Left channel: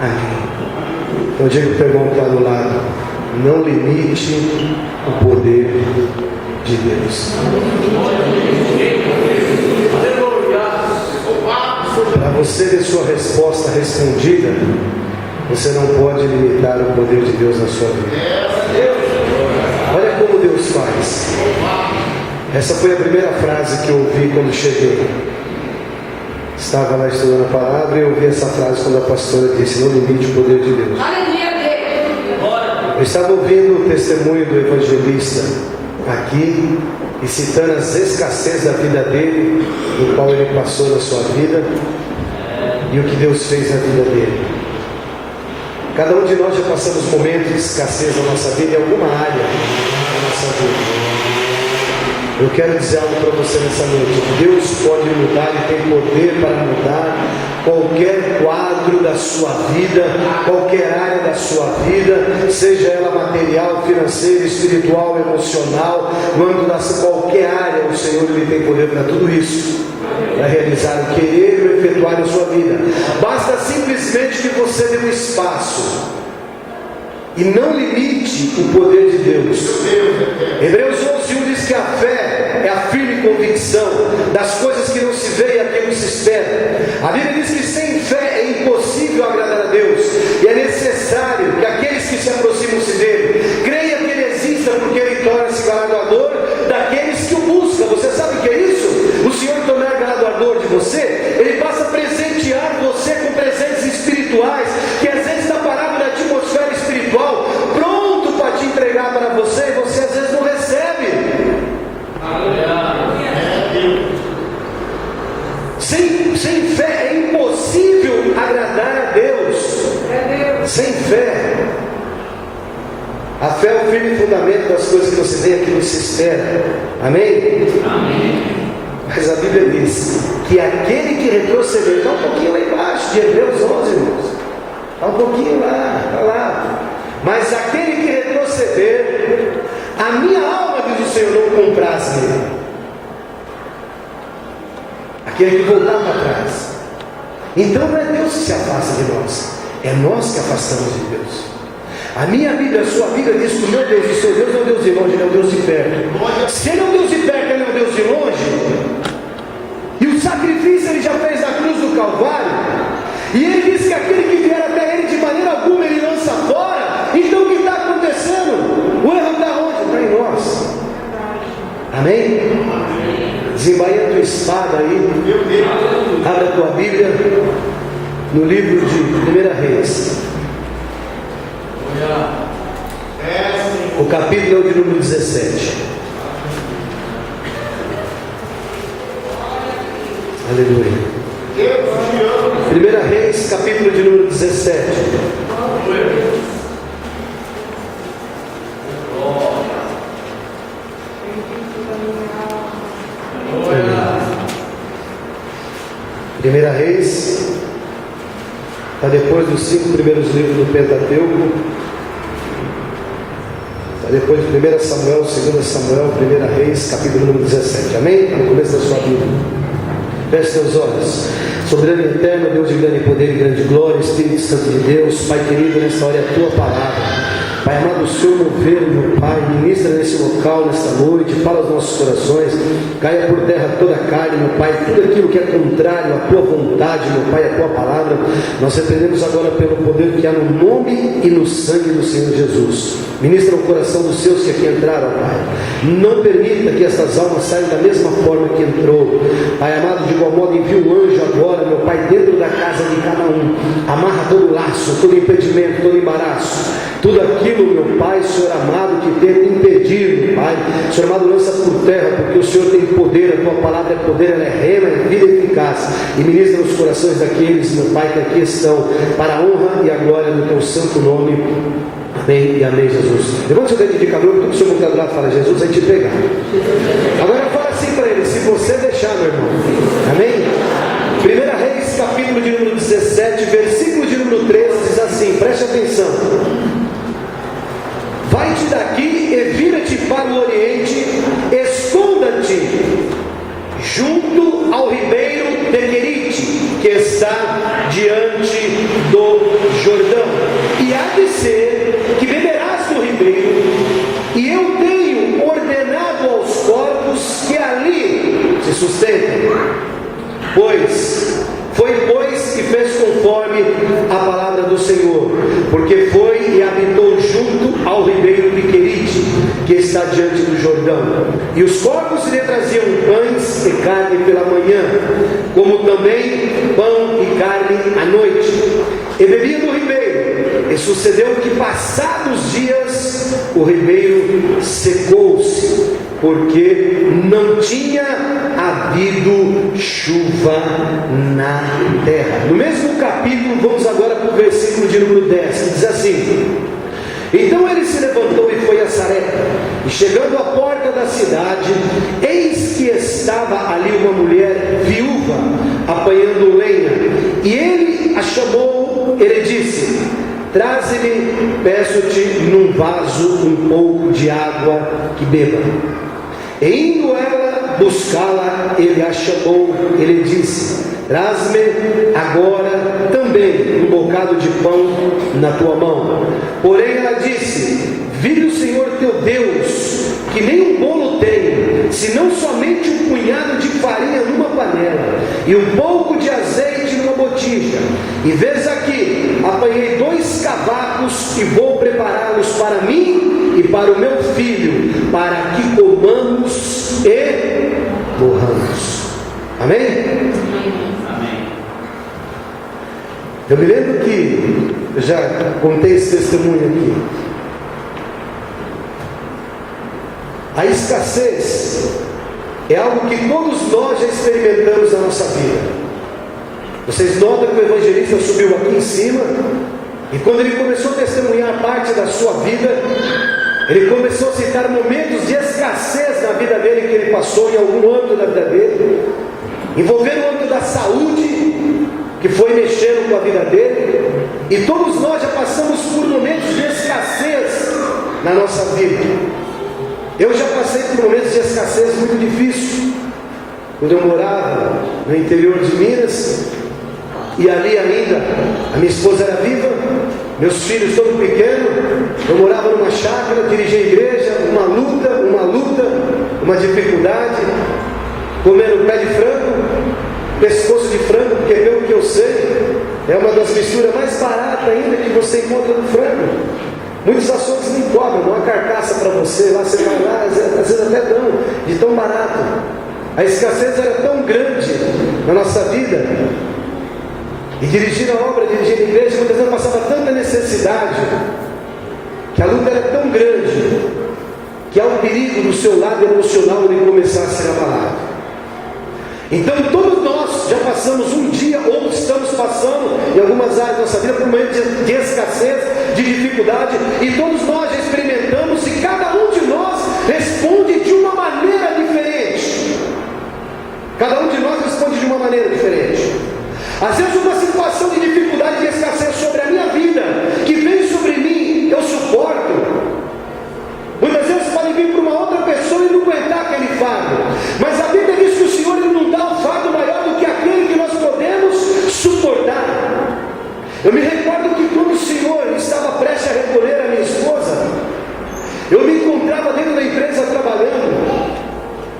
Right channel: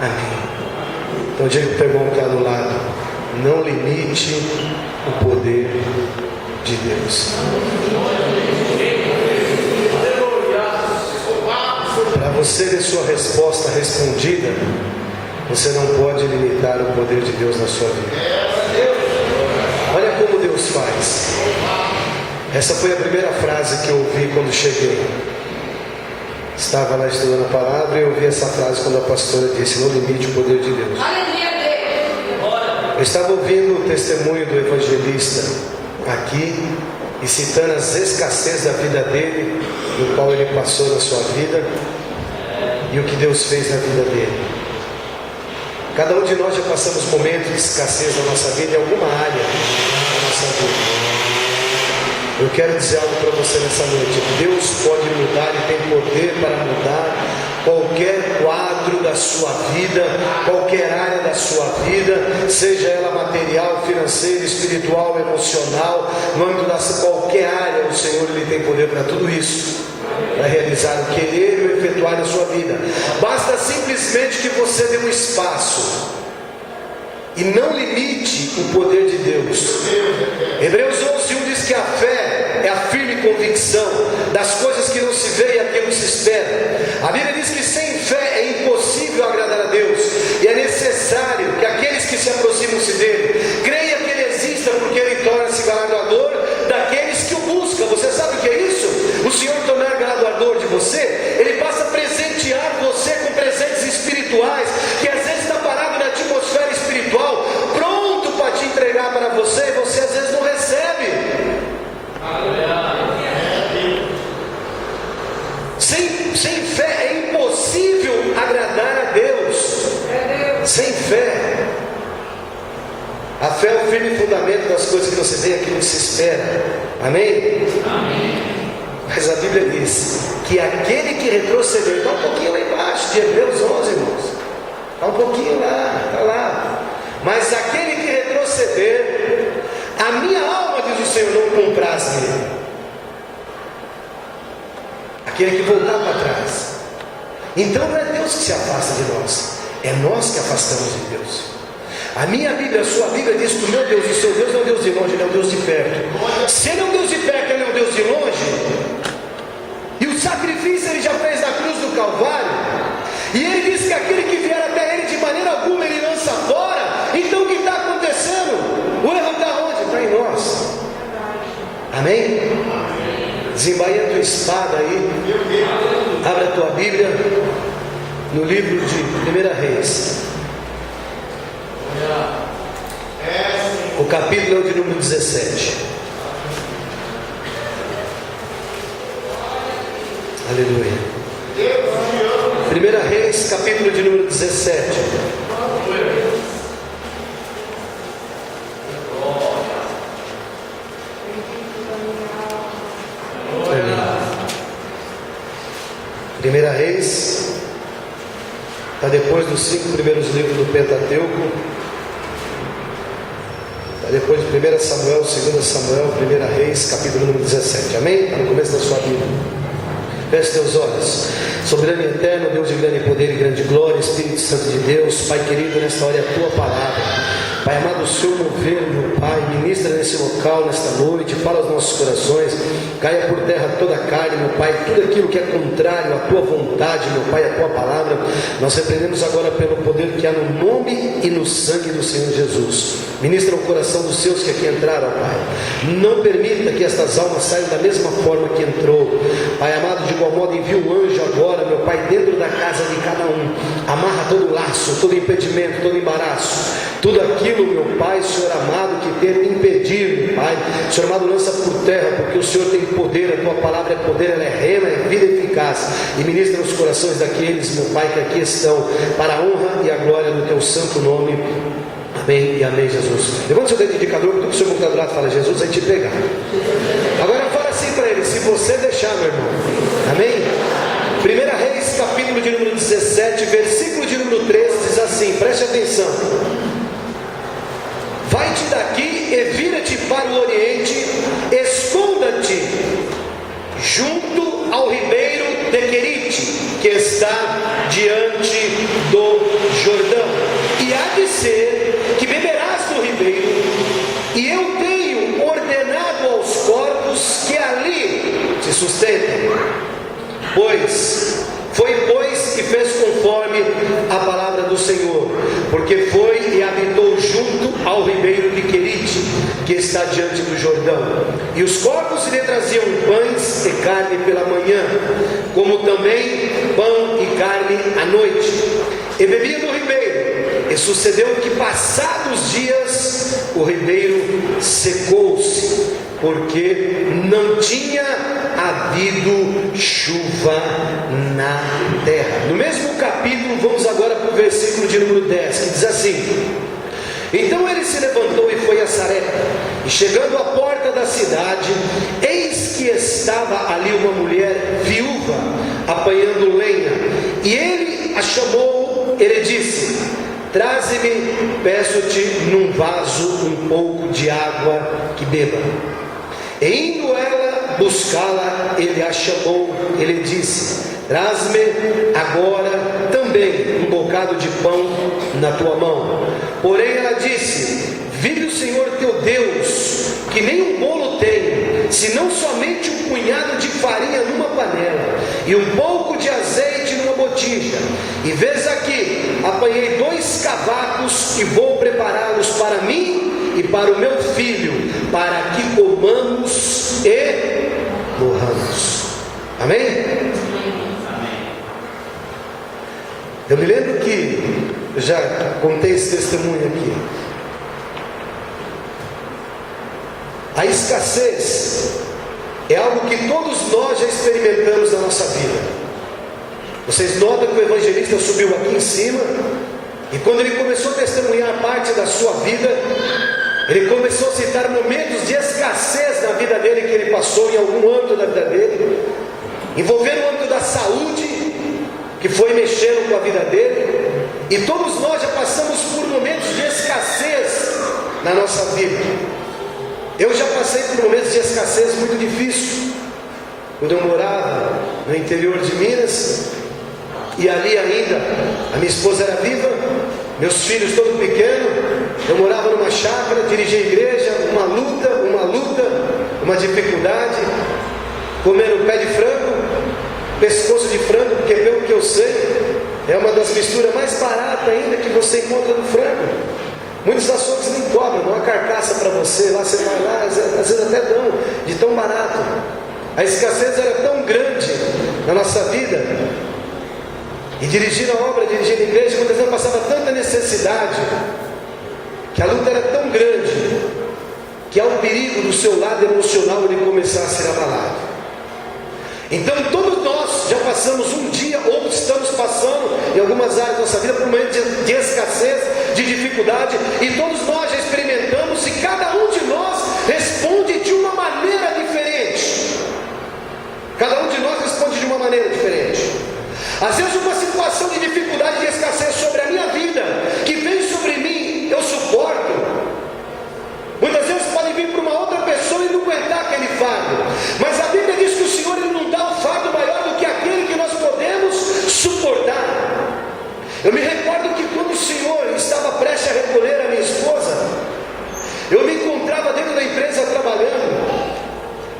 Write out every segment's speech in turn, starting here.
Amém. Então diga para o irmão que está do lado: não limite o poder de Deus. Para você ter sua resposta respondida, você não pode limitar o poder de Deus na sua vida. Olha como Deus faz. Essa foi a primeira frase que eu ouvi quando cheguei. Estava lá estudando a palavra e eu ouvi essa frase quando a pastora disse: não limite o poder de Deus. Eu estava ouvindo o testemunho do evangelista aqui e citando as escassez da vida dele, no qual ele passou na sua vida, e o que Deus fez na vida dele. Cada um de nós já passamos momentos de escassez na nossa vida, em alguma área da nossa vida. Eu quero dizer algo para você nessa noite: Deus pode mudar e tem poder para mudar qualquer quadro da sua vida, qualquer área da sua vida, seja ela material, financeira, espiritual, emocional, no âmbito de qualquer área. O Senhor, Ele tem poder para tudo isso, para realizar o querer e o efetuar na sua vida. Basta simplesmente que você dê um espaço e não limite o poder de Deus. Hebreus 11:1 diz que a fé é a firme convicção das coisas que não se vê e aquilo que se espera. A Bíblia diz que sem fé é impossível agradar a Deus, e é necessário que aqueles que se aproximam-se dele creiam que ele exista, porque ele torna-se galardoador daqueles que o buscam. Você sabe o que é isso? O Senhor tornar galardoador de você, ele passa a presentear você com presentes espirituais, que às vezes está parado na atmosfera espiritual, pronto para te entregar para você, e você às vezes não recebe. Sem fé é impossível agradar a Deus. Sem fé. A fé é o firme fundamento das coisas que você vê, aquilo que se espera. Amém? Amém. Mas a Bíblia diz que aquele que retroceder, está um pouquinho lá embaixo de Hebreus 11, irmãos. Está um pouquinho lá, está lá. Mas aquele que retroceder, a minha alma, diz o Senhor, não compraz nele. Aquele que voltar para trás. Então não é Deus que se afasta de nós, é nós que afastamos de Deus. A minha Bíblia, a sua Bíblia diz que o meu Deus, o seu Deus não é um Deus de longe, ele é um Deus de perto. Se ele é um Deus de perto, ele é um Deus de longe. E o sacrifício ele já fez na cruz do Calvário. E ele diz que aquele que vier até ele, de maneira alguma ele lança fora. Então o que está acontecendo? O erro está onde? Está em nós. Amém? Desembaia a tua espada aí, abre a tua Bíblia no livro de 1 Reis, o capítulo de número 17. Aleluia. 1 Reis, capítulo de número 17. Primeira Reis está depois dos 5 primeiros livros do Pentateuco, está depois de 1 Samuel, 2 Samuel, 1 Reis, capítulo número 17. Amém? Está no começo da sua Bíblia. Feche teus olhos. Soberano e eterno, Deus de grande poder e grande glória, Espírito Santo de Deus, Pai querido, nesta hora é a tua palavra. Pai amado, o Senhor mover, meu Pai, ministra nesse local, nesta noite, fala aos nossos corações, caia por terra toda a carne, meu Pai, tudo aquilo que é contrário à tua vontade, meu Pai, à tua palavra, nós repreendemos agora pelo poder que há no nome e no sangue do Senhor Jesus. Ministra o coração dos seus que aqui entraram, Pai. Não permita que estas almas saiam da mesma forma que entrou. Pai amado, de igual modo envia um anjo agora, meu Pai, dentro da casa de cada um. Amarra todo laço, todo impedimento, todo embaraço, tudo aquilo, meu Pai, Senhor amado, que tenta impedir, Pai, Senhor amado, lança por terra, porque o Senhor tem poder, a tua palavra é poder, ela é rema, é vida eficaz, e ministra os corações daqueles, meu Pai, que aqui estão, para a honra e a glória do teu santo nome. Amém e amém, Jesus. Levanta seu dedo indicador, porque o Senhor que está do lado fala: Jesus vai te pegar. Agora fala assim para ele: se você deixar, meu irmão. Amém? 1 Reis, capítulo de número 17, versículo de número 13, diz assim, preste atenção: vai-te daqui e vira-te para o oriente, esconda-te junto ao ribeiro de Querite, que está diante do Jordão, e há de ser que beberás do ribeiro, e eu tenho ordenado aos corpos que ali se sustentem. Foi que fez conforme a palavra do Senhor, porque foi e habitou junto ao ribeiro de Querite, que está diante do Jordão. E os corpos lhe traziam pães e carne pela manhã, como também pão e carne à noite, e bebia do ribeiro. E sucedeu que, passados dias, o ribeiro secou-se, porque não tinha havido chuva na terra. No mesmo capítulo, vamos agora para o versículo de número 10, que diz assim: então ele se levantou e foi a Sarepta, e chegando à porta da cidade, eis que estava ali uma mulher viúva, apanhando lenha, e ele a chamou, ele disse: traze-me, peço-te, num vaso um pouco de água que beba. E indo ela buscá-la, ele a chamou, ele disse: traz-me agora também um bocado de pão na tua mão. Porém ela disse: vive o Senhor teu Deus, que nem um bolo tenho, senão somente um punhado de farinha numa panela, e um pouco de azeite numa botija. E vês aqui, apanhei 2 cavacos e vou prepará-los para mim e para o meu filho, para que comamos e morramos. Amém? Eu me lembro que eu já contei esse testemunho aqui. A escassez é algo que todos nós já experimentamos na nossa vida. Vocês notam que o evangelista subiu aqui em cima, e quando ele começou a testemunhar parte da sua vida, ele começou a citar momentos de escassez na vida dele, que ele passou em algum âmbito da vida dele, envolvendo o âmbito da saúde, que foi mexendo com a vida dele. E todos nós já passamos por momentos de escassez na nossa vida. Eu já passei por momentos de escassez muito difíceis, quando eu morava no interior de Minas, e ali ainda a minha esposa era viva, meus filhos todos pequenos. Eu morava numa chácara, dirigia a igreja, uma luta, uma dificuldade, comendo pé de frango, pescoço de frango, porque pelo que eu sei, é uma das misturas mais baratas ainda que você encontra no frango. Muitos açougues nem cobram, não há carcaça para você, lá você vai lá, às vezes até dão, de tão barato. A escassez era tão grande na nossa vida, e dirigir a obra, dirigir a igreja, muitas vezes passava tanta necessidade, que a luta era tão grande, que há um perigo do seu lado emocional ele começar a ser abalado. Então todos nós já passamos um dia, ou estamos passando em algumas áreas da nossa vida por um momento de escassez, de dificuldade, e todos nós já experimentamos, e cada um de nós responde de uma maneira diferente. Cada um de nós responde de uma maneira diferente. Às vezes uma situação de dificuldade, de escassez sobre a minha vida, que vem sobre mim, eu suporto. Muitas vezes pode vir para uma outra pessoa e não aguentar aquele fardo, mas a Bíblia diz que o Senhor ele não dá um fardo maior do que aquele que nós podemos suportar. Eu me recordo que quando o Senhor estava prestes a recolher a minha esposa, eu me encontrava dentro da empresa trabalhando.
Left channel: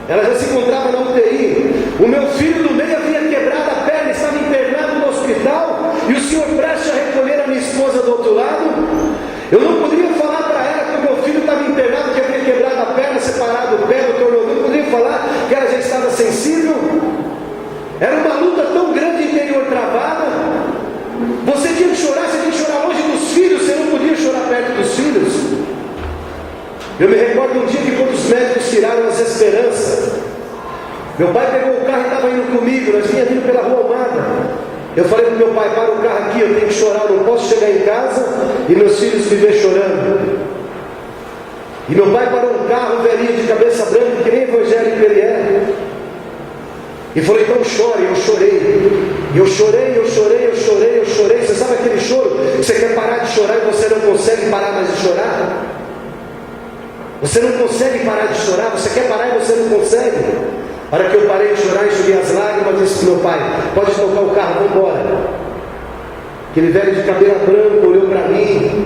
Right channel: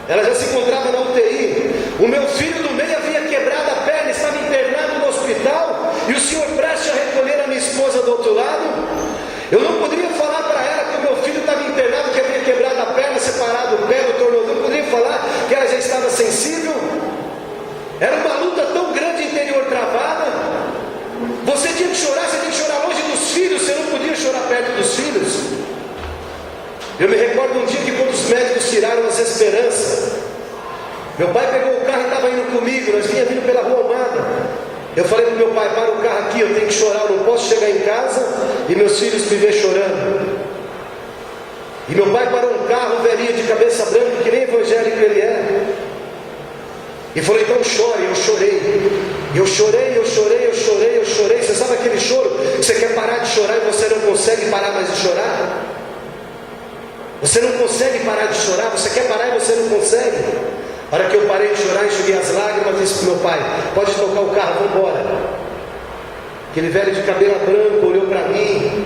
Ela já se encontrava na UTI. O meu filho do meio havia quebrado a perna, estava internado no hospital, e o Senhor prestes a recolher a minha esposa do outro lado. Eu não poderia falar para ela que o meu filho estava internado, que havia quebrado a perna, separado o pé do tornozelo. Não poderia falar que ela já estava sensível. Era uma luta tão grande interior travada. Você tinha que chorar, você tinha que chorar longe dos filhos, você não podia chorar perto dos filhos. Eu me recordo um dia que quando os médicos tiraram as esperanças, meu pai pegou o carro e estava indo comigo, nós vinha vindo pela Rua Amada. Eu falei para o meu pai: para o carro aqui, eu tenho que chorar, eu não posso chegar em casa e meus filhos me ver chorando. E meu pai parou um carro, velhinho de cabeça branca, que nem evangélico ele é, e falou: então chore. Eu chorei. E eu chorei. Você sabe aquele choro que você quer parar de chorar e você não consegue parar mais de chorar? Você não consegue parar de chorar, você quer parar e você não consegue. A hora que eu parei de chorar, enxuguei as lágrimas, disse para o meu pai: pode tocar o carro, vamos embora. Aquele velho de cabelo branco olhou para mim,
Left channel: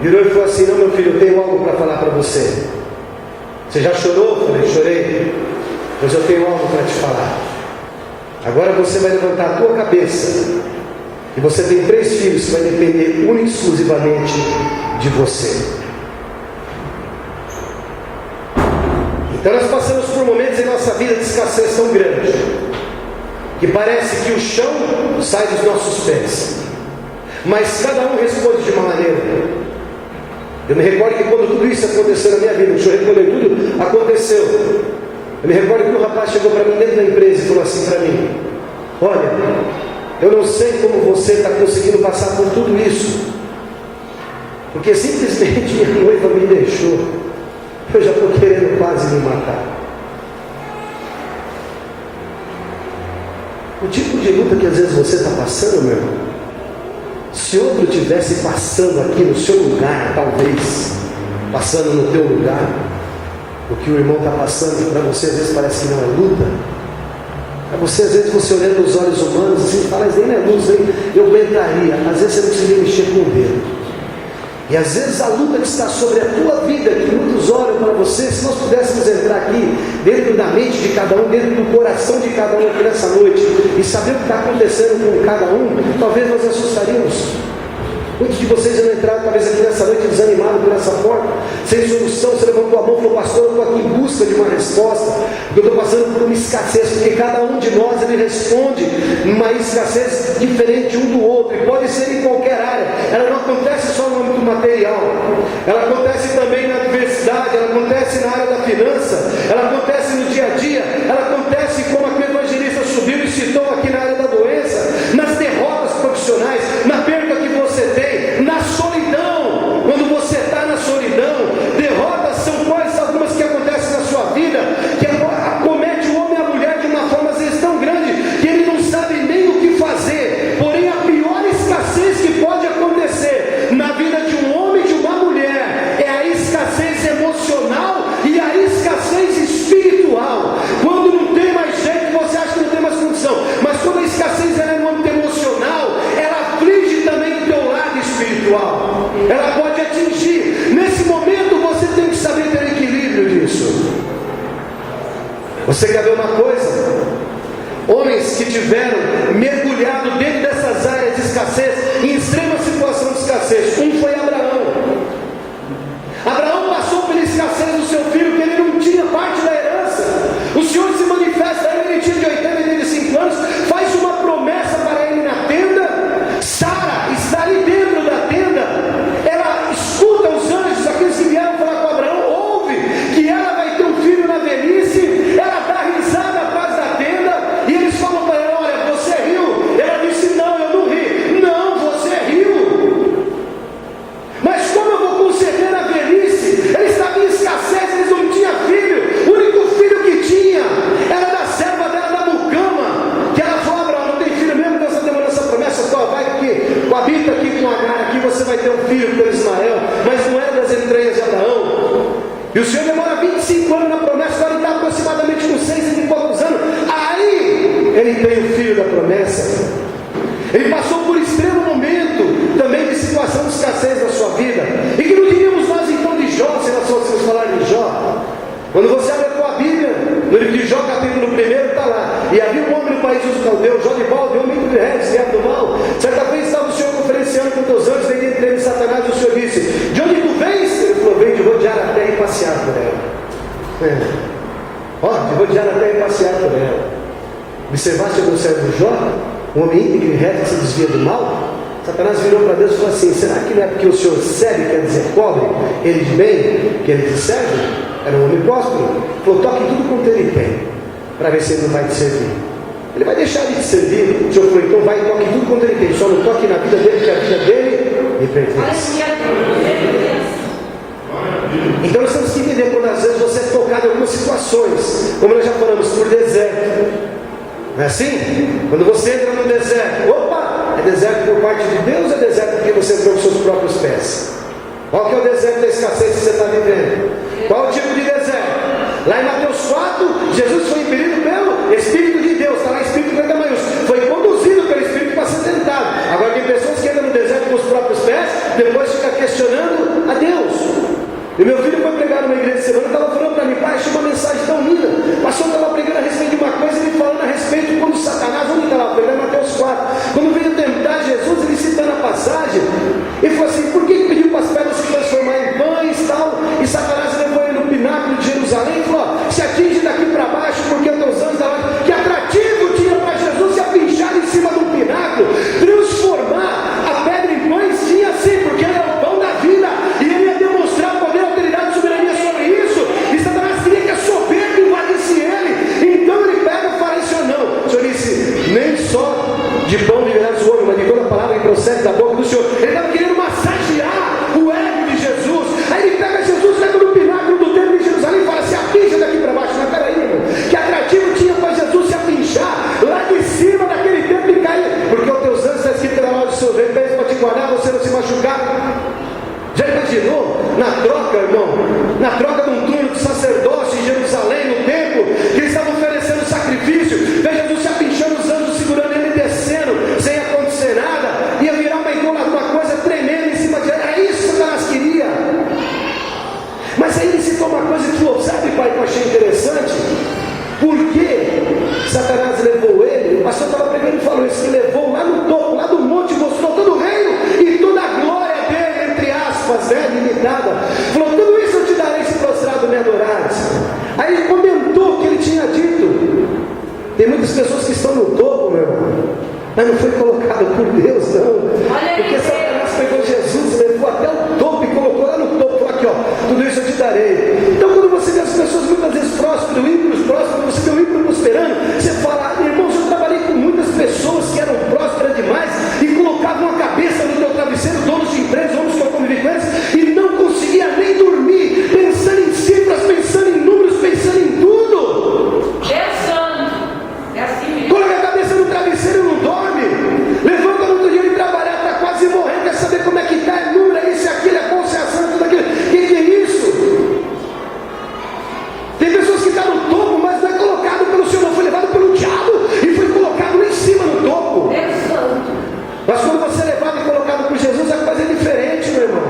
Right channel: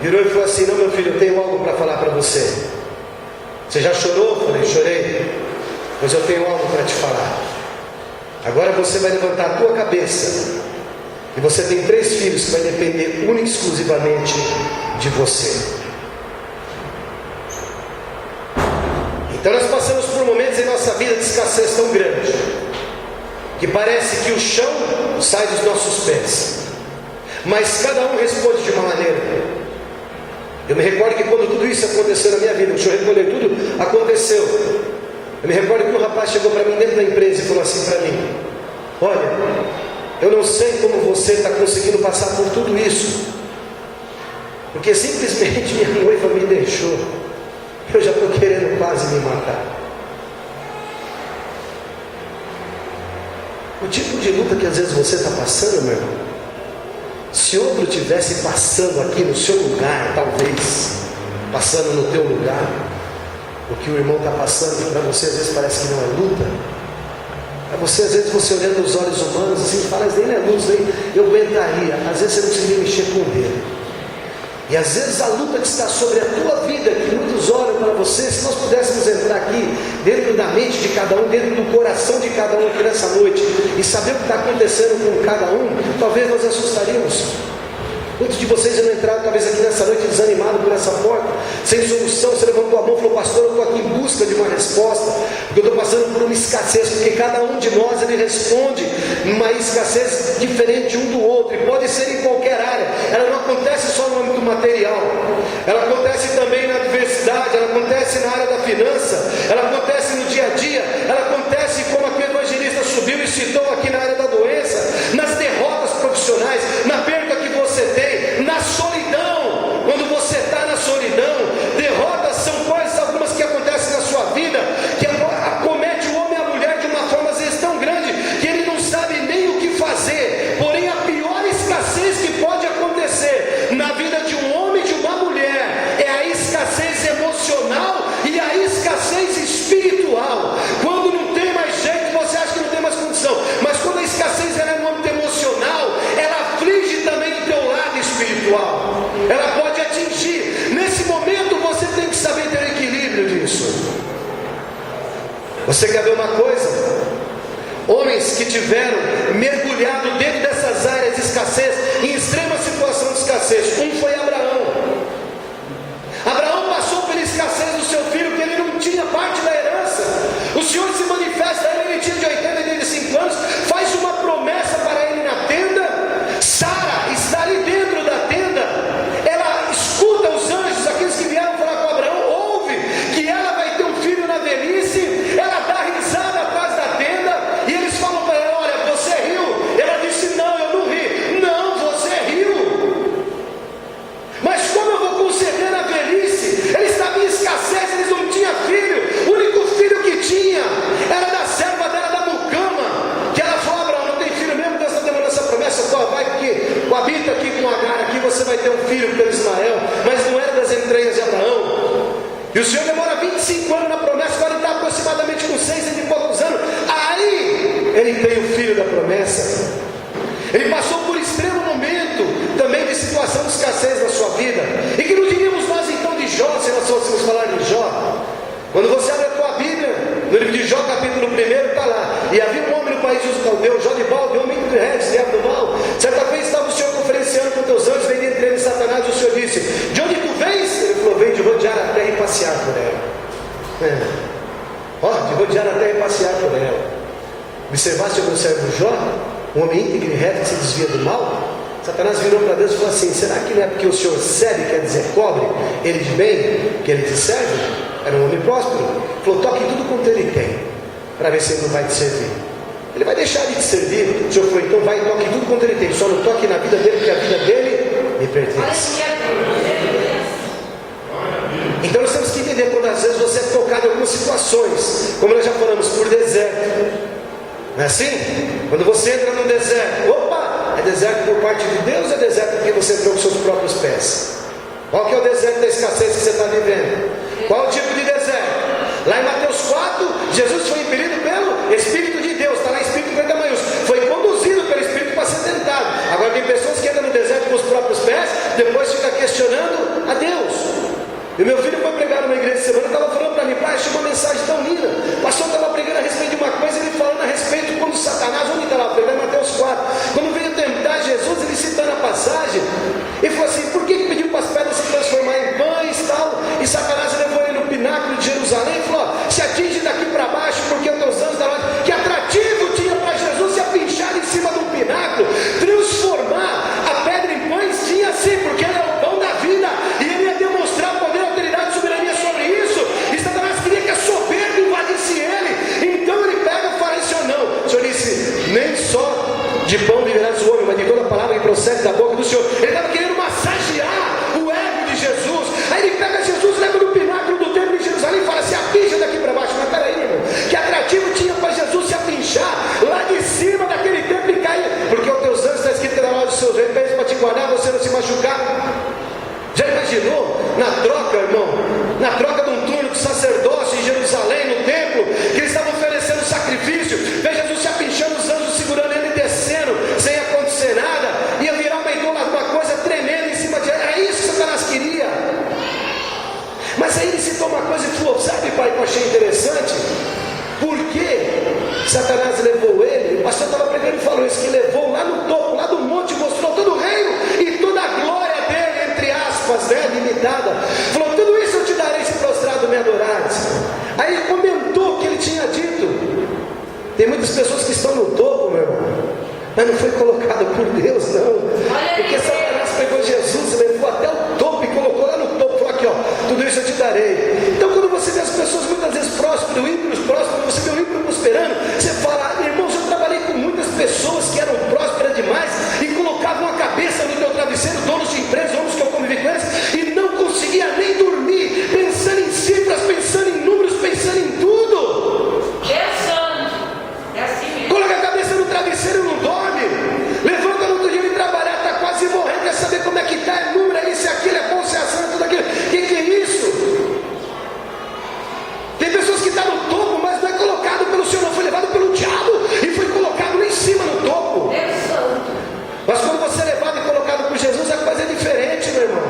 virou e falou assim: não, meu filho, eu tenho algo para falar para você. Você já chorou? Eu falei: chorei. Mas eu tenho algo para te falar. Agora você vai levantar a tua cabeça, e você tem 3 filhos que vai depender única e exclusivamente de você. Então nós passamos por momentos em nossa vida de escassez tão grande, que parece que o chão sai dos nossos pés, mas cada um responde de uma maneira. Eu me recordo que quando tudo isso aconteceu na minha vida, o Senhor recolheu tudo, aconteceu. Eu me recordo que um rapaz chegou para mim dentro da empresa e falou assim para mim: olha, eu não sei como você está conseguindo passar por tudo isso, porque simplesmente minha noiva me deixou. Eu já estou querendo quase me matar. O tipo de luta que às vezes você está passando, meu irmão, se outro estivesse passando aqui no seu lugar, talvez passando no teu lugar, o que o irmão está passando para você às vezes parece que não é luta. É você, às vezes, você olhando nos olhos humanos assim, fala: mas nem não é luz, nem eu aguentaria. Às vezes você não conseguia mexer com o dedo. E às vezes a luta que está sobre a tua vida, que muitos olham para você, se nós pudéssemos entrar aqui, dentro da mente de cada um, dentro do coração de cada um aqui nessa noite, e saber o que está acontecendo com cada um, talvez nós assustaríamos. Muitos de vocês já não entraram talvez aqui nessa noite desanimados por essa porta, sem solução. Você levantou a mão e falou: pastor, eu estou aqui em busca de uma resposta, porque eu estou passando por uma escassez, porque cada um de nós ele responde uma escassez diferente um do outro, e pode ser em qualquer área. Ela não acontece só no âmbito material, ela acontece também na diversidade, ela acontece na área da finança, ela acontece no dia a dia, ela acontece como aqui o evangelista subiu e citou aqui na área da doença, nas derrotas profissionais, na perda que você tem, na solidão. Quando você está na solidão, derrotas são coisas algumas que acontecem na sua vida, que acomete o homem e a mulher de uma forma às vezes tão grande, que ele não sabe nem o que fazer. Porém, a pior escassez que pode acontecer na vida de um homem e de uma mulher é a escassez emocional e a escassez espiritual. Quando não tem mais jeito, você acha que não tem mais condição, mas quando a escassez é no âmbito emocional, ela aflige também do teu lado espiritual, ela pode atingir. Nesse momento você tem que saber ter equilíbrio disso. Você quer ver uma coisa? Homens que tiveram mergulhado dentro dessas áreas de escassez, em extrema situação de escassez. Um foi Abraão. Abraão passou pela escassez do seu filho, que ele não tinha parte da herança. O Senhor se manifesta a ele, ele tinha de 85 anos, faz uma promessa para ele na tenda. Sara está ali dentro da tenda, ela escuta os anjos, aqueles que vieram falar com Abraão, ouve que ela vai ter um filho na velhice, ela dá risada atrás da tenda, e eles falam para ela: olha, você riu? Ela disse: não, eu não ri. Não, você riu. Mas como eu vou conceder a velhice? Ele estava em escassez, eles não tinham filho. O único filho que tinha era da serva dela, da mucama, que ela falou: Abraão, não tem filho mesmo, Deus está demorando essa promessa, só vai que habita aqui com Agar, aqui você vai ter um filho pelo Ismael. Mas não era das entranhas de Abraão. E o Senhor demora 25 anos na promessa, agora ele está aproximadamente com 6 e poucos anos. Aí ele tem o filho da promessa. Ele passou por extremo momento também de situação de escassez na sua vida. E que não diríamos nós então de Jó, se nós fôssemos falar de Jó? Quando você abre a tua Bíblia, no livro de Jó, capítulo 1, está lá: e havia um homem no país dos caldeus, Jó de balde, homem de reis, servo do mal. Certa vez estava o Senhor conferenciando com teus anjos, veio entre eles Satanás, e o Senhor disse: de onde tu vens? Ele falou: venho de rodear a terra e passear por ela. De rodear a terra e passear por ela. Observaste o servo de Jó? Um homem íntegro e reto que se desvia do mal. Satanás virou para Deus e falou assim: será que não é porque o Senhor serve, quer dizer cobre, ele de bem, que ele te serve? Era um homem próspero. Falou: toque tudo quanto ele tem, para ver se ele não vai te servir. Ele vai deixar de te servir. O Senhor falou: então vai e toque tudo quanto ele tem, só não toque na vida dele, porque a vida dele me pertence. Então nós temos que entender, quando às vezes você é tocado em algumas situações, como nós já falamos, por deserto. Não é assim? Quando você entra no deserto, opa, é deserto por parte de Deus, ou é deserto porque você entrou com seus próprios pés? Qual que é o deserto da escassez que você está vivendo? Qual o tipo de deserto? Lá em Mateus 4, Jesus foi impelido pelo Espírito de Deus, está lá Espírito grande maiúsculo, foi conduzido pelo Espírito para ser tentado. Agora tem pessoas que entram no deserto com os próprios pés, depois fica questionando a Deus. E meu filho foi pregar numa igreja de semana, estava falando para mim, pai, achei uma mensagem tão linda. O pastor estava pregando a respeito de uma coisa, ele falando a respeito quando Satanás, onde estava pregando, Mateus 4, quando veio tentar Jesus, ele citando a passagem, e falou assim, por que pediu para as pedras se transformar em pães e tal? E Satanás levou ele no pináculo de Jerusalém e falou, ó, se atinge daqui para baixo, porque os teus anjos da hora. Que atrativo tinha para Jesus se apinchar em cima do pináculo, transformar a pedra em pães, tinha sim, porque ele era o pão da vida, e ele ia demonstrar poder, autoridade e soberania sobre isso, e Satanás queria que a soberba invadisse ele, então ele pega e fala assim, não, o Senhor disse, nem só de pão viverá o homem, mas de toda palavra que procede da boca do Senhor. Ele estava querendo massagear o ego de Jesus, aí ele pega Jesus, leva no pináculo do templo de Jerusalém e fala, se apincha daqui para baixo, mas peraí, irmão, que atrativo tinha para Jesus se apinchar lá de cima daquele templo e cair, porque os teus anjos está escrito na loja dos seus reis para te guardar, você não se machucar. Já imaginou, na troca, irmão, na troca de um turno de sacerdócio em Jerusalém, no templo, que eles estavam oferecendo sacrifício, vê Jesus se apinchando, os anjos segurando ele, descendo, sem acontecer nada, ia virar uma coisa tremenda em cima de ele, era isso que Satanás queria. Mas aí ele citou uma coisa e falou, sabe, pai, que eu achei interessante? Porque Satanás levou ele, o pastor estava pregando e falou isso, que levou lá no topo, lá do monte, mostrou todo o reino e toda a glória dele, entre aspas, né, limitada. Falou, tudo isso eu te darei se prostrado me adorares. Aí ele comentou o que ele tinha dito. Tem muitas pessoas que estão no topo, meu irmão, mas não foi colocada por Deus, não. Porque Satanás pegou Jesus, levou até o topo e colocou lá no topo, falou aqui, ó, tudo isso eu te darei. Então quando você vê as pessoas muitas vezes prósperos, ímpios, você vê o ímpio prosperando, você fala, irmãos, eu trabalhei com muitas pessoas que eram prósperas demais e colocavam a cabeça no meu travesseiro, donos de empresas, homens que eu convivi com eles, e não conseguia nem dormir, pensando em cifras, pensando em números, pensando em tudo. É assim mesmo. Coloca a cabeça no travesseiro e não dorme. Levanta no outro dia de trabalhar, está quase morrendo, quer saber como é que está, é número, é isso, é aquilo, é bom, se é ação, tudo aquilo. O que é isso? Tem pessoas que estão no topo, mas não é colocado pelo Senhor, não foi levado pelo diabo e foi colocado lá em cima no topo. Mas quando você é levado e colocado por Jesus, a coisa é diferente, meu irmão.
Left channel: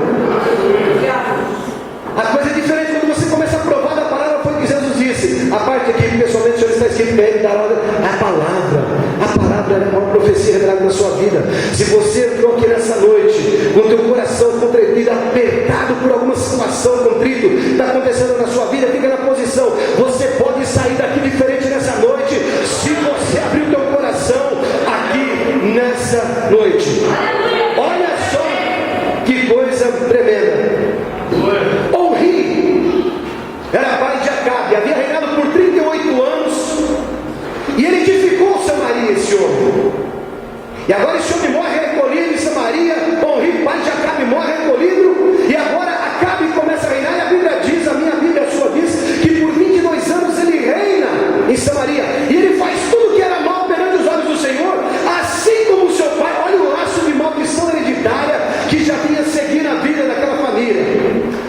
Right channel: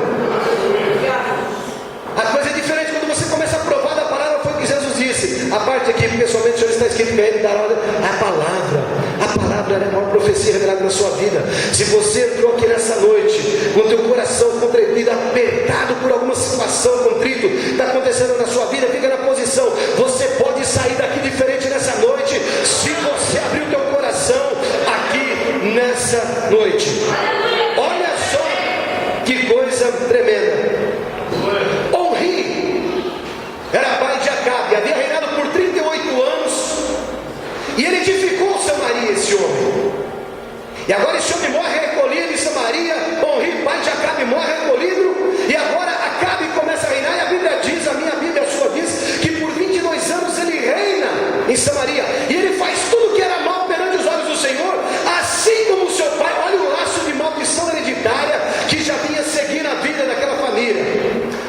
A coisa é diferente quando você começa a provar da palavra, foi o que Jesus disse. A parte aqui, pessoalmente, o Senhor está escrito para ele, a palavra era uma profecia revelada na sua vida. Se você entrou aqui nessa noite, com o teu coração contrito, apertado por alguma situação, contrito, está acontecendo na sua vida, fica na posição. Você pode sair daqui diferente nessa noite, se você abrir o teu coração aqui nessa noite. Olha só que coisa tremenda. Onri era pai de Acabe, havia reinado por 38 anos e ele edificou Samaria, esse homem. E agora esse homem morre recolhido em Samaria. Onri, pai de Acabe, morre recolhido, e agora Acabe começa a reinar, e a Bíblia diz, a minha Bíblia, a sua diz, que por 22 anos ele reina em Samaria, e ele faz tudo que era mal perante os olhos do Senhor, assim como o seu pai. Olha o laço de maldição hereditária que já vinha seguindo a vida daquela família.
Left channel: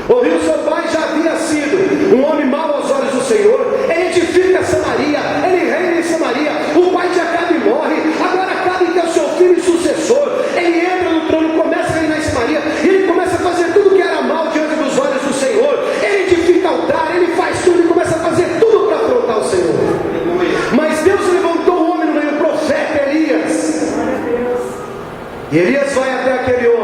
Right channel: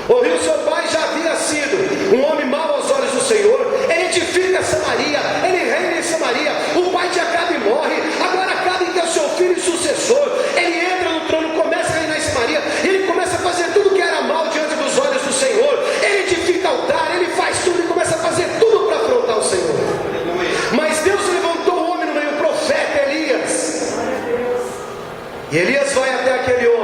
Ouviu, seu pai já havia sido um homem mau aos olhos do Senhor, ele edifica Samaria, ele reina em Samaria, o pai de Acabe morre, agora Acabe, que é o seu filho e sucessor, ele entra no trono, começa a reinar em Samaria, e ele começa a fazer tudo que era mal diante dos olhos do Senhor, ele edifica altar, ele faz tudo e começa a fazer tudo para afrontar o Senhor. Mas Deus levantou um homem no meio, o profeta Elias, e Elias vai até aquele homem.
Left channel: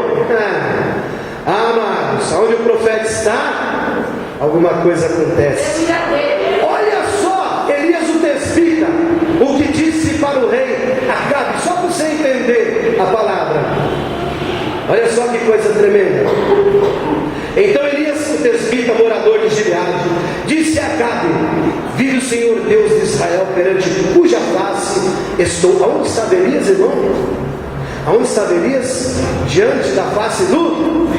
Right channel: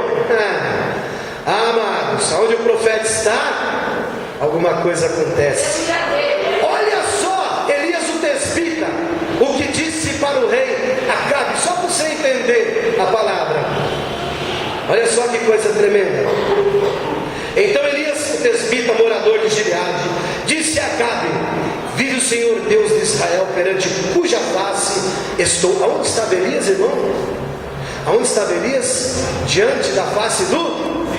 Amados, onde o profeta está, alguma coisa acontece. Olha só, Elias o desvida, o que disse para o rei Acabe, só para você entender a palavra. Olha só que coisa tremenda. Então Elias o desvida, morador de Gileade, disse a Acabe: vive o Senhor Deus de Israel, perante cuja face estou. Aonde estava Elias, irmão? Aonde estava Elias? Diante da face do...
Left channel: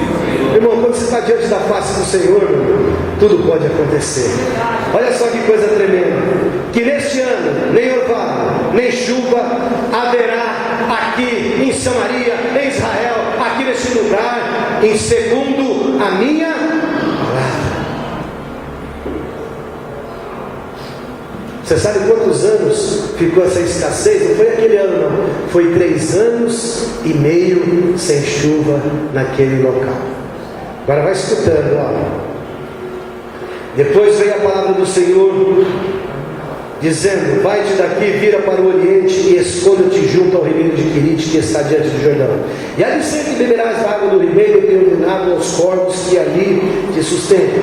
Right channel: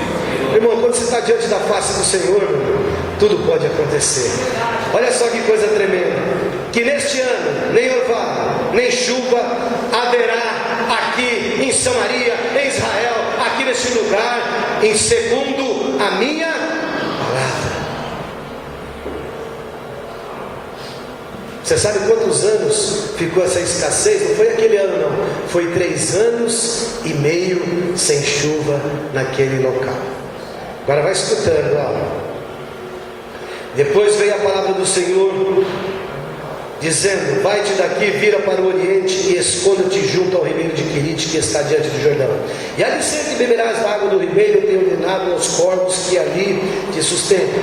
Irmão, quando você está diante da face do Senhor, tudo pode acontecer. Olha só que coisa tremenda. Que neste ano, nem orvalho, nem chuva haverá aqui em Samaria, em Israel, aqui neste lugar, em segundo a minha palavra. Você sabe quantos anos ficou essa escassez? Não foi aquele ano não, foi 3 anos e meio sem chuva naquele local. Agora vai escutando, ó. Depois veio a palavra do Senhor, dizendo: vai-te daqui, vira para o oriente e esconda-te junto ao ribeiro de Querite, que está diante do Jordão. E ali sempre beberás a água do ribeiro, eu tenho ordenado aos corvos que ali te sustentam.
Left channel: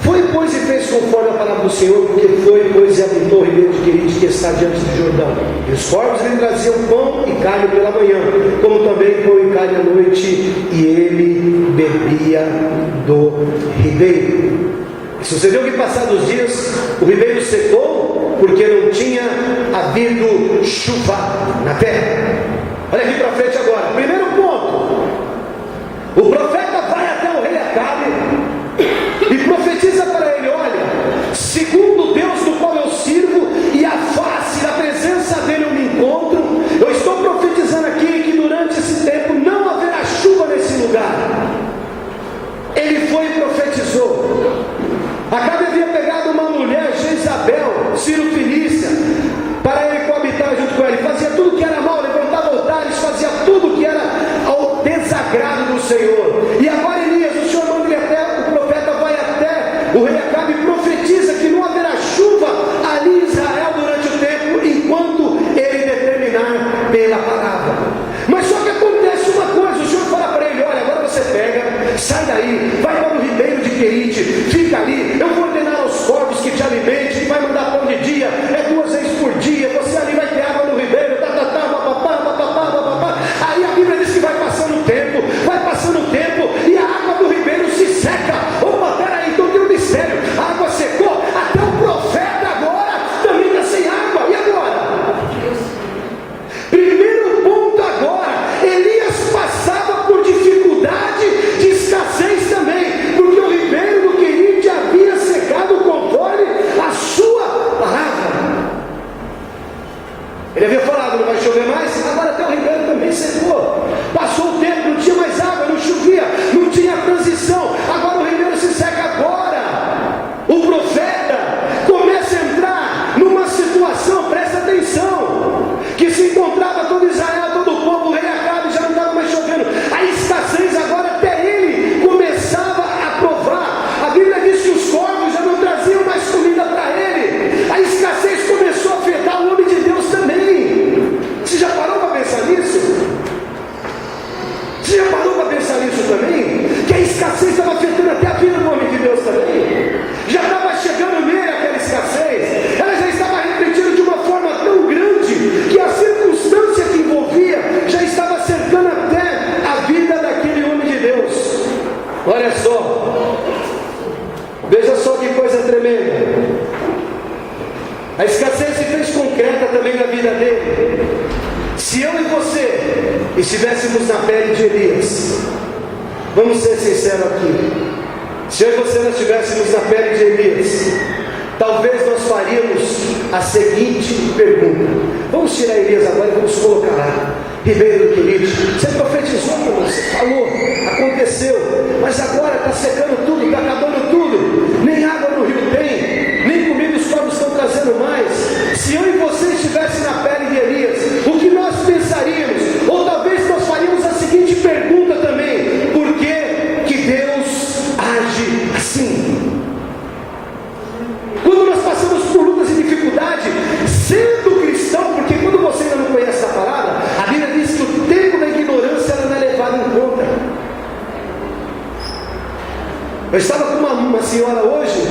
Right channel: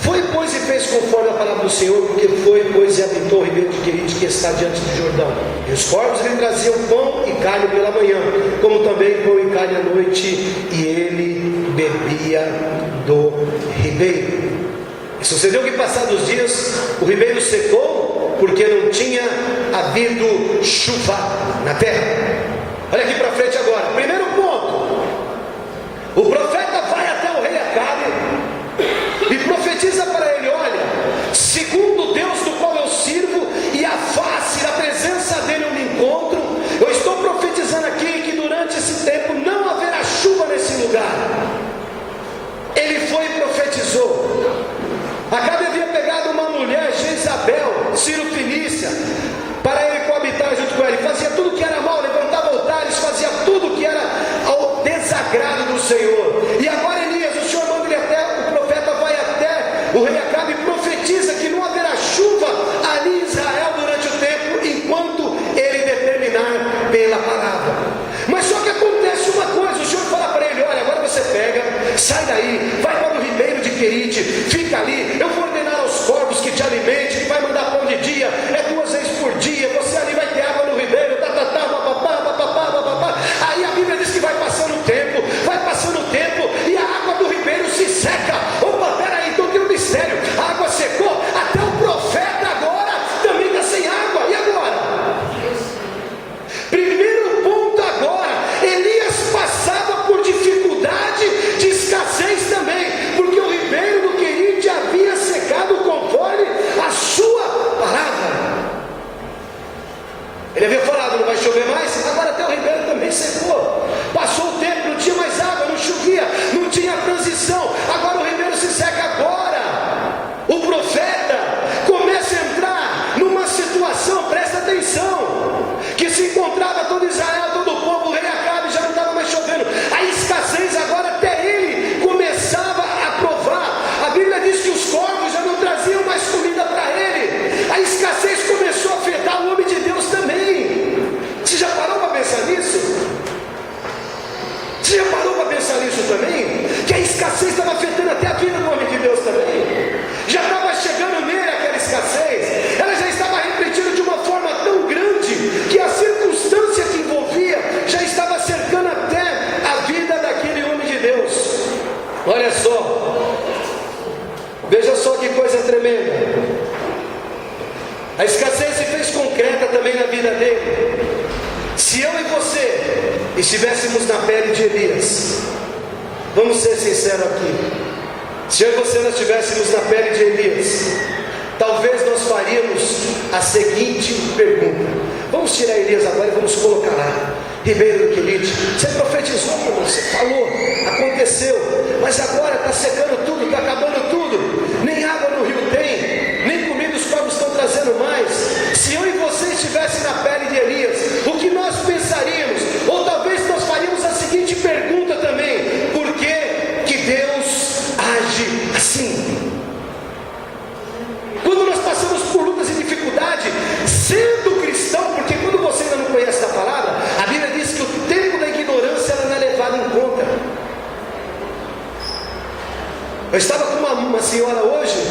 Foi, pois, e fez conforme a palavra do Senhor, porque foi, pois, e habitou o ribeiro de Querite, que está diante do Jordão. E os corvos lhe traziam pão e carne pela manhã, como também pão e carne à noite, e ele bebia do ribeiro. E sucedeu que, passados os dias, o ribeiro secou, porque não tinha havido chuva na terra. Olha aqui para frente agora. Primeiro ponto: o profeta vai até o rei Acabe e profetiza para ele: olha, segundo Deus do qual eu sirvo e a face da presença dele eu me encontro, eu estou profetizando aqui que durante esse tempo não haverá chuva nesse lugar. Ele foi e profetizou. Acabe havia pegado uma mulher, Jezabel, Ciro Fenícia, para ele coabitar junto com ela. Ele fazia tudo que era mal, levantava altares, fazia tudo que era ao desagrado do Senhor. E agora Elias, o Senhor manda ele até, o profeta vai até o rei Acabe e profetiza que não haverá chuva ali em Israel durante o tempo, enquanto ele determinar pela palavra. Mas só que acontece uma coisa: o Senhor fala para ele: olha, agora você pega, sai daí, vai para o ribeiro de Querite, fica ali, eu vou ordenar aos corvos que te alimentem, que vai mandar pão de dia, é 2 vezes por dia, você ali vai ter água no ribeiro, papapá. Aí a Bíblia diz que vai passando o tempo, e a água do ribeiro se seca. Opa, peraí, então tem um mistério, a água secou, até o profeta agora também está sem água, e agora? Primeiro ponto agora, Elias passava por dificuldade de escassez também, porque o ribeiro do Querite havia secado conforme a sua palavra. Ele havia falado: não vai chover mais, agora até o ribeiro também secou. Passou o tempo, não tinha mais água, não chovia, não tinha transição, agora o ribeiro se seca. Agora o profeta começa a entrar numa situação, presta atenção, que se encontrava todo Israel, todo o povo, o rei Acabe, já não estava mais chovendo, a escassez agora até ele começava a provar. A Bíblia diz que os corvos já não traziam mais comida para ele, a escassez começou a afetar o homem de Deus também. Você já parou para pensar nisso? Você já parou para pensar nisso também? Que a escassez estava afetando até a vida do homem de Deus também. Já estava chegando nele aquela escassez, ela já estava refletindo de uma forma tão grande que a circunstância que envolvia já estava cercando até a vida daquele homem de Deus. Olha só, veja só que coisa tremenda. A escassez se fez concreta também na vida dele. Se eu e você estivéssemos na pele de Elias, vamos ser sinceros aqui, se eu e você não estivéssemos na pele de Elias, talvez nós faríamos a seguinte pergunta: vamos tirar Elias agora e vamos colocar lá, ribeiro do Querite. Você profetizou, você falou, aconteceu, mas agora está secando tudo, está acabando tudo, nem água no rio tem, nem comida os corvos estão trazendo mais. Se eu e você estivessem na pele de Elias, o que nós pensaríamos? Ou talvez nós faríamos a seguinte pergunta também: por que Deus age assim? Quando nós passamos por lutas e dificuldade, sendo cristão, porque quando você ainda não conhece a palavra, a Bíblia diz que o tempo da ignorância ela não é levado em conta. Eu estava com uma senhora hoje,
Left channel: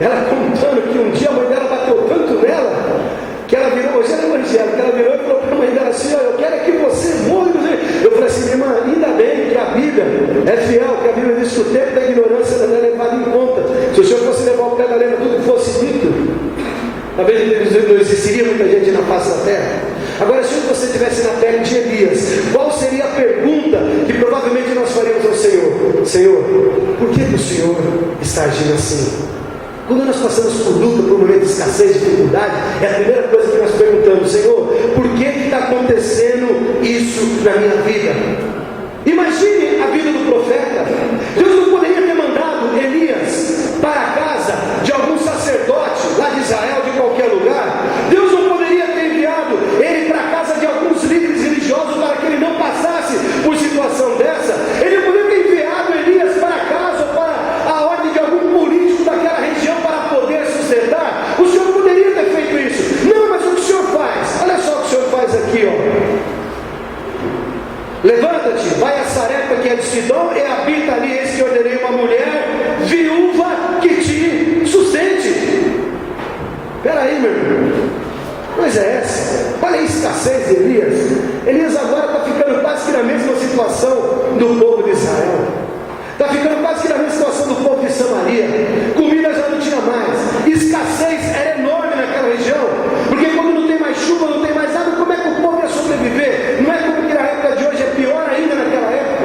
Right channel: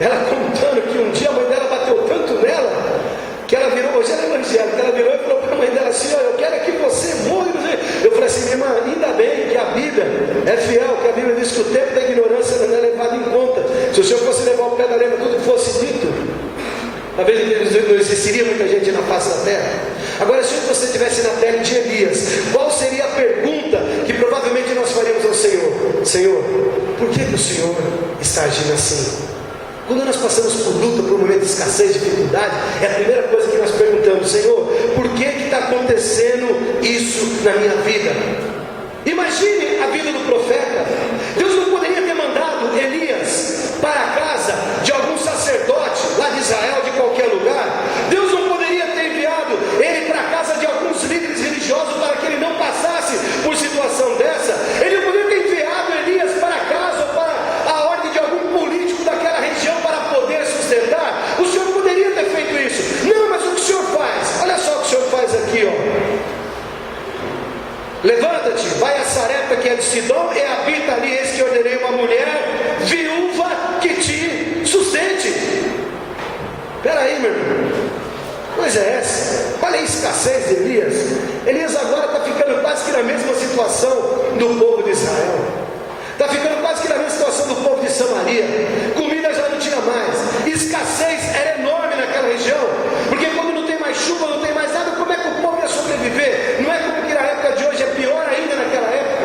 ela contando que um dia a mãe dela bateu tanto nela, que ela virou, hoje ela é evangélica, ela virou e falou para a mãe dela assim: eu quero que você morra. Eu falei assim: minha irmã, ainda bem que a Bíblia é fiel, que a Bíblia diz que o tempo da ignorância não é levado em conta. Se o Senhor fosse levar o pé da letra tudo que fosse dito, talvez não existiria muita gente na face da terra. Agora, se você estivesse na pele de Elias, qual seria a pergunta que provavelmente nós faríamos ao Senhor? Senhor, por que o Senhor está agindo assim? Quando nós passamos por luta, por um momento de escassez, dificuldade, é a primeira coisa que nós perguntamos: Senhor, por que está acontecendo isso na minha vida? Imagine a vida do profeta. Deus não poderia ter mandado Elias para a casa de algum sacerdote lá de Israel, de qualquer levanta-te, vai a Sarepta que é de Sidom, e habita ali, eis que ordenei uma mulher viúva que te sustente. Espera aí, meu irmão, coisa é essa? Olha a escassez de Elias. Elias agora está ficando quase que na mesma situação do povo de Israel, está ficando quase que na mesma situação do povo de Samaria. Comida já não tinha mais, escassez era enorme naquela região, porque quando não tem mais chuva, não tem mais nada, como é que o povo ia sobreviver? Não é como que na época de hoje, é pior ainda naquela época.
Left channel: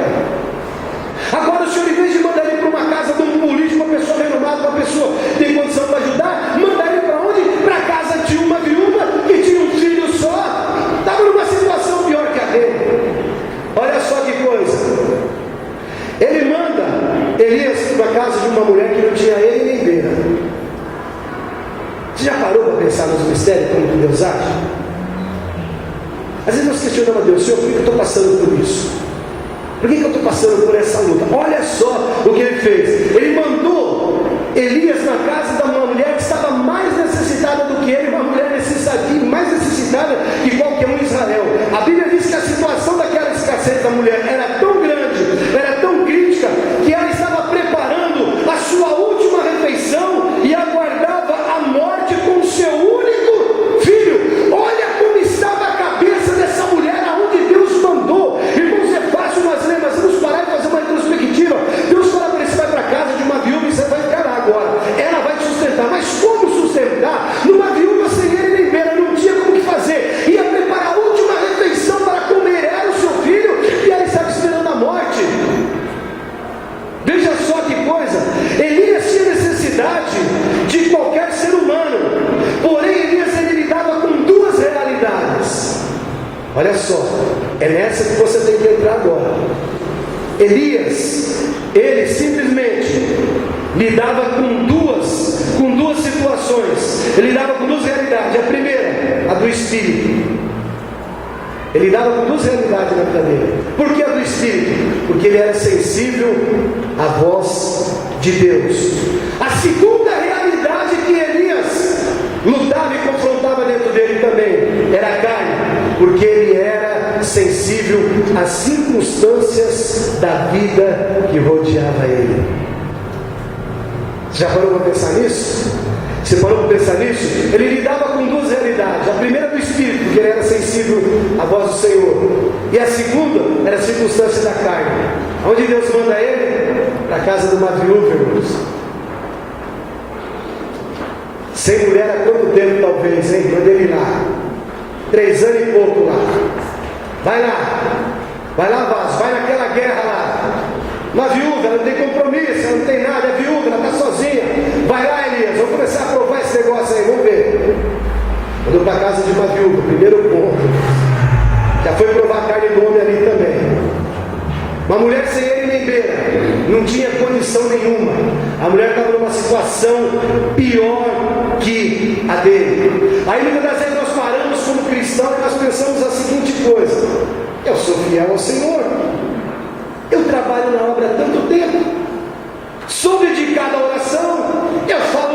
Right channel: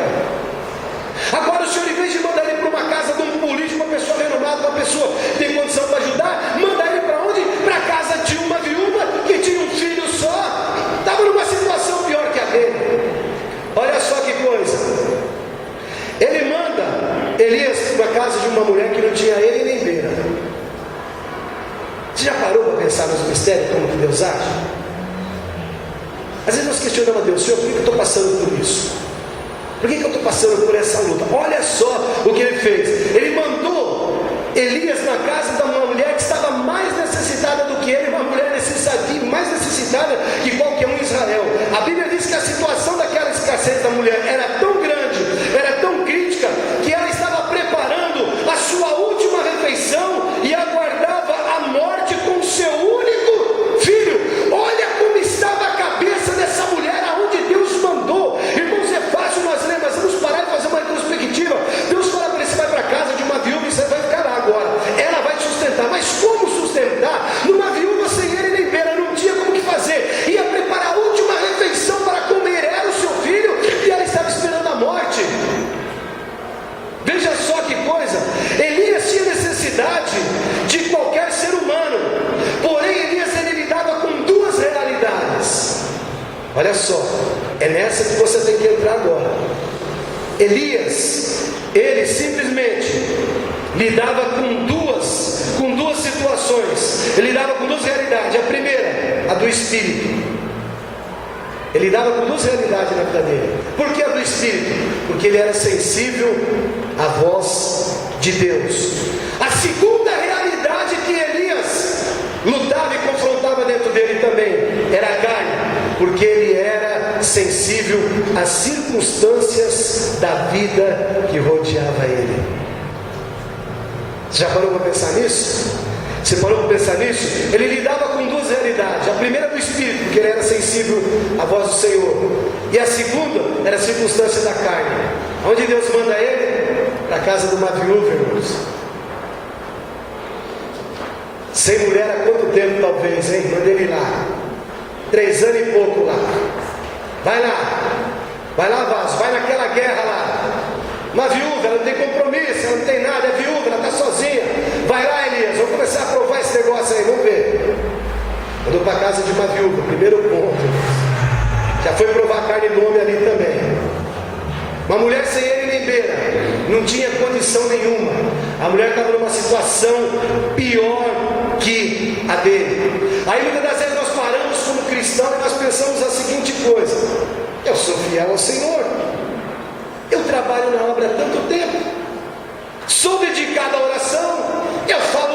Agora o Senhor, em vez de mandar ele para uma casa de um político, uma pessoa renomada, uma pessoa que tem condição para ajudar, manda ele para onde? Para a casa de uma viúva que tinha um filho só, estava numa situação pior que a dele. Olha só que coisa, ele manda Elias para a casa de uma mulher que não tinha ele nem beira. Você já parou para pensar nos mistérios, como que Deus age? Às vezes nós questionamos a Deus: Senhor, por que eu estou passando por isso? Por que eu estou passando por essa luta? Olha só o que ele fez. Ele mandou Elias na casa de uma mulher que estava mais necessitada do que ele, uma mulher mais necessitada que qualquer um em Israel. A Bíblia diz que a situação daquela escassez da mulher era tão grande, era tão crítica, que ela estava preparando a sua última refeição e aguardava a morte com o seu único filho. Olha como estava a cabeça dessa mulher, aonde Deus mandou. Irmãos, é fácil nós ler, mas vamos parar e fazer uma retrospectiva. Deus fala para ele: você vai para a casa de uma viúva e você vai ficar lá agora, ela vai te sustentar. Mas como sustentar? Numa viúva sem ele nem beira, não tinha como que fazer. Ia preparar a última refeição para comer ela, o seu filho, e ela estava esperando a morte. Veja só que coisa. Elias tinha necessidade de qualquer ser humano, porém Elias, ele lidava com duas realidades. Olha só, é nessa que você tem que entrar agora. Elias, ele simplesmente lidava com duas situações. Ele lidava com duas realidades. A primeira, a do espírito. Ele lidava com duas realidades na vida dele. Por que a do espírito? Porque ele era sensível à voz de Deus. A segunda realidade que Elias lutava e confrontava dentro dele também era a carne, porque ele era sensível às circunstâncias da vida que rodeava ele. Você já parou para pensar nisso? Você parou para pensar nisso? Ele lidava com duas realidades. A primeira do espírito, porque ele era sensível à voz do Senhor, e a segunda era a circunstância da carne. Onde Deus manda ele? Para a casa de uma viúva, irmãos. Sem mulher há quanto tempo talvez, hein? Manda ele lá, 3 anos e pouco lá. Vai lá, vaso, vai naquela guerra lá. Uma viúva, ela não tem compromisso, ela não tem nada, é viúva, ela está sozinha. Vai lá, Elias, vamos começar a provar esse negócio aí, vamos ver. Mandou para a casa de uma viúva, primeiro ponto. Já foi provar a carne do homem ali também. Uma mulher sem ele nem beira, não tinha condição nenhuma. A mulher estava numa situação pior que a dele. Aí muitas das vezes nós paramos como cristãos e nós pensamos a seguinte coisa: eu sou fiel ao Senhor, eu trabalho na obra há tanto tempo, sou dedicado à oração, eu falo